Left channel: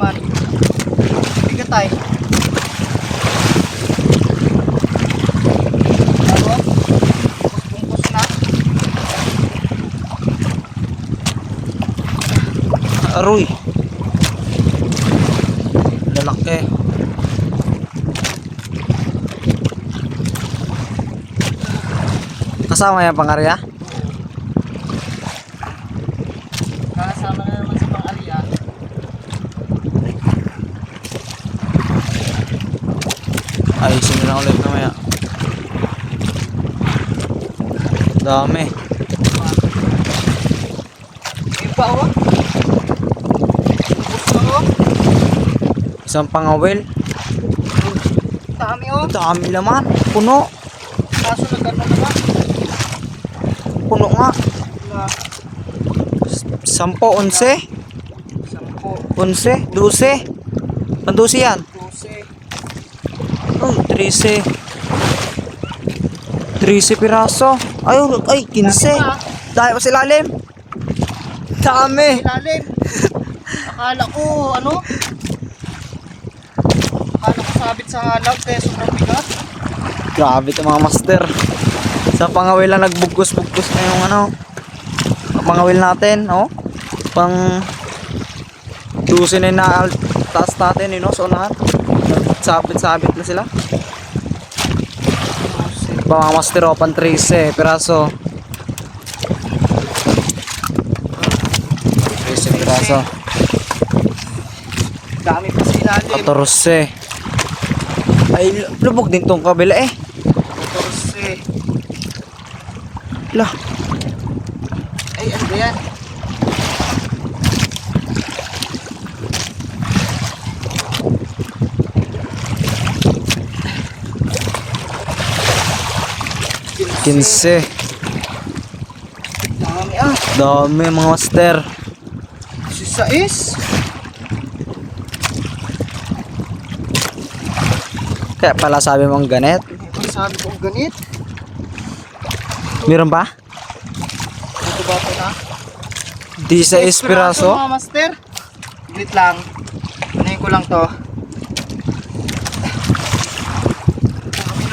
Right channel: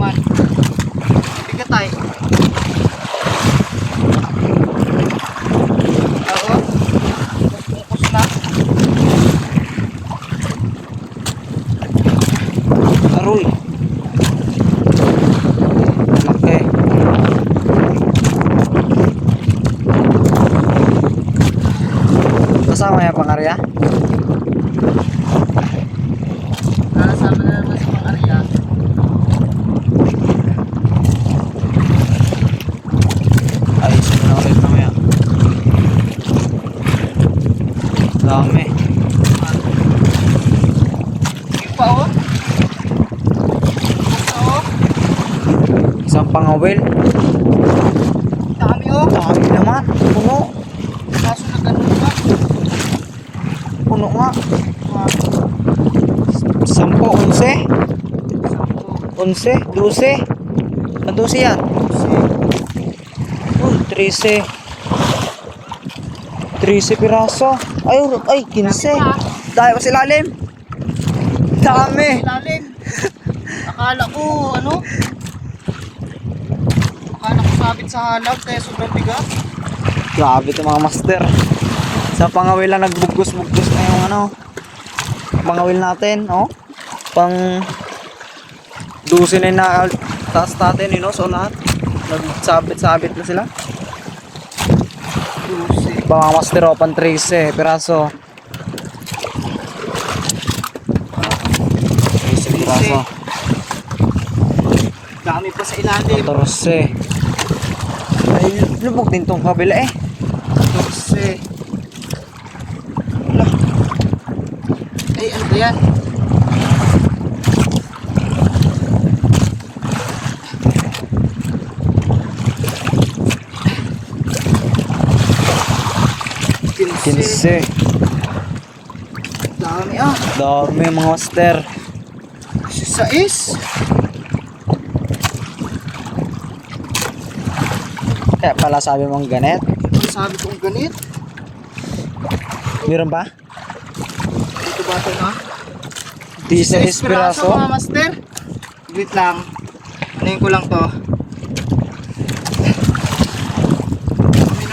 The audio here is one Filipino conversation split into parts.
naman. Bigat ay. Bago. Bungkus na. Aroy. Lalaki. Kasama yan pangarya? Kasama na naman sa pang-arya. Ayusin mo na ulit mamaya. Dami. Isang pangawil. Dami oh. Dami naman. Puno. Kaso na gano'n na. Puno nga. Sampo, onse. sampo. Onse, duse. Panduse yan. Uy, 13. 13 piraso. Ay, ay, 15. Dahil pa sa ilalim. Dami. Ilalim. Akala ko, ano? Akala ko sabit sa halaw kaya sobrang bigat. Grabe ito mga master. Sa pangawil lang nagbugos-bugos na yung ano. Pangawil natin, oh. Pang dusin na na taas natin, you know, so lahat. Nagsabit-sabit na sila. Lucy. Ba mga master, oh, pang 13 piraso. 13 piraso. Dami pa sa ilalim. 14. Ay, lubog din tong kabila eh. 14. Lah, Ay, ano ba yan? 15. Dami ah. Dami mga master. Si Sais. Kaya pala sabi mong ganet. Ano sabi kong ganit? Meron ba? Dito ba ito na? 16 piraso. mga master. Wait lang. Anayin ko lang to.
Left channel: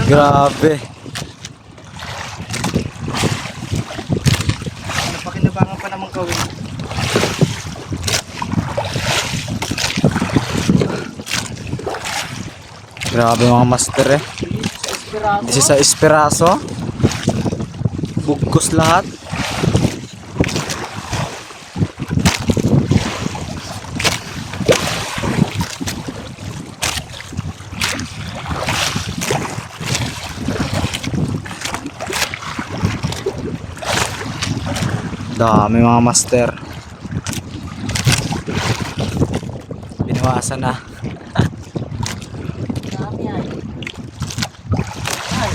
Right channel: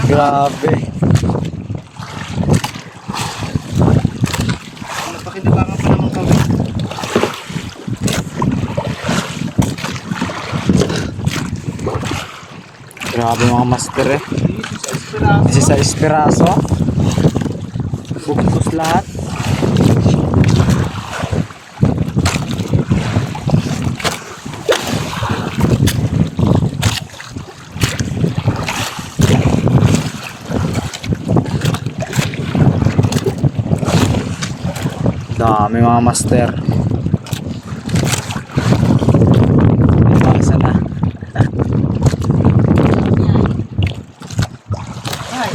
Grabe. Gawin. Grabe mga master eh. Dito sa Esperanto. 16 piraso. Bugkos lahat. Dami mga master. Iwasan na. Ay.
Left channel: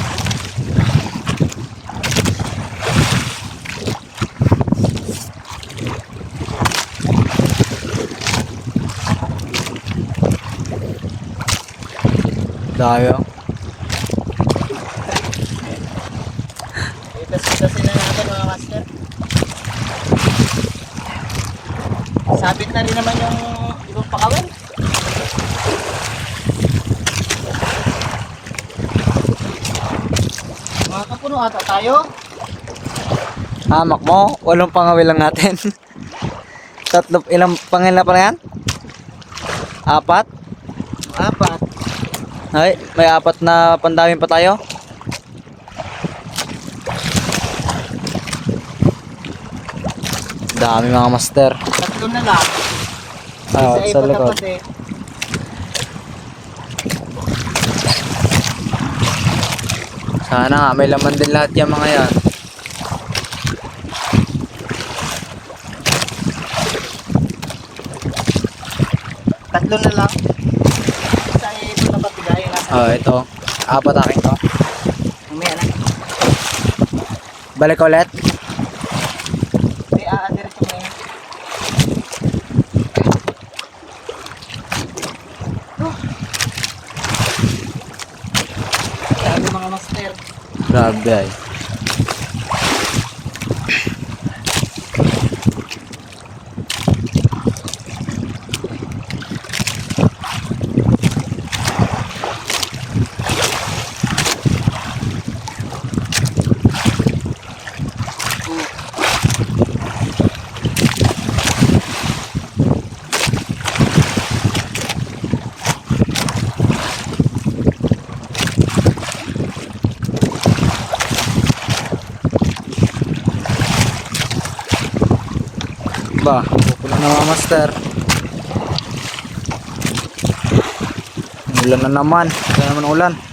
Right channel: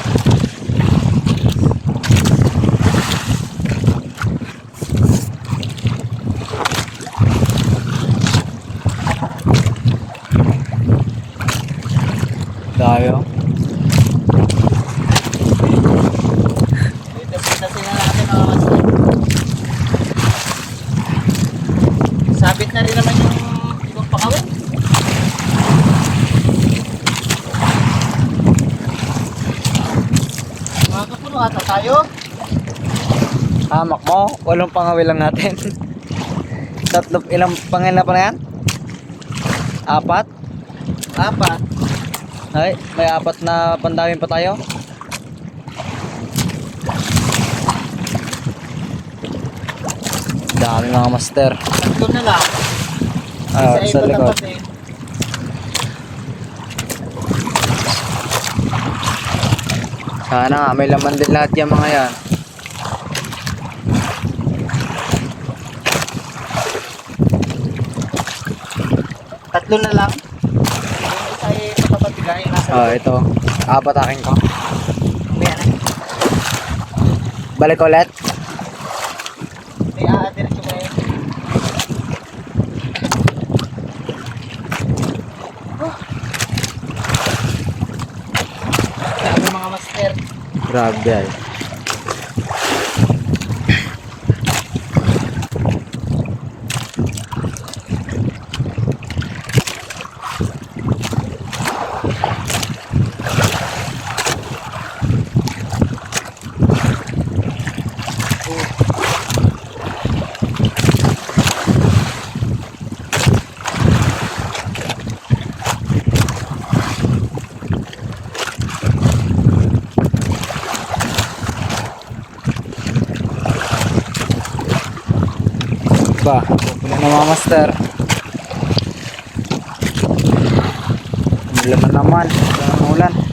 Dayo. Itas-itasin na natin mga master. Sabit na rin naman yung ibang pakawin. Mga kapuno ata tayo. Hamak mo, walong pangawil lang natin. Tatlo, ilang pangil na pa na yan? Apat? Apat. Ay, may apat na pandawin pa tayo. Dami mga master. Tatlo na lang. Ah, sa iba likod. eh. Sana nga, may laman din lahat yung mga yan. Tatlo na lang. Isa ay nasa Oh, ito. Apat akin to. Mamaya na. Balik ulit. Ay, aadir ko ngayon. Oh. Dami mga master. Grabe ay. Ba, pupula na mga master. Ulan na naman. Ulan na naman ulan.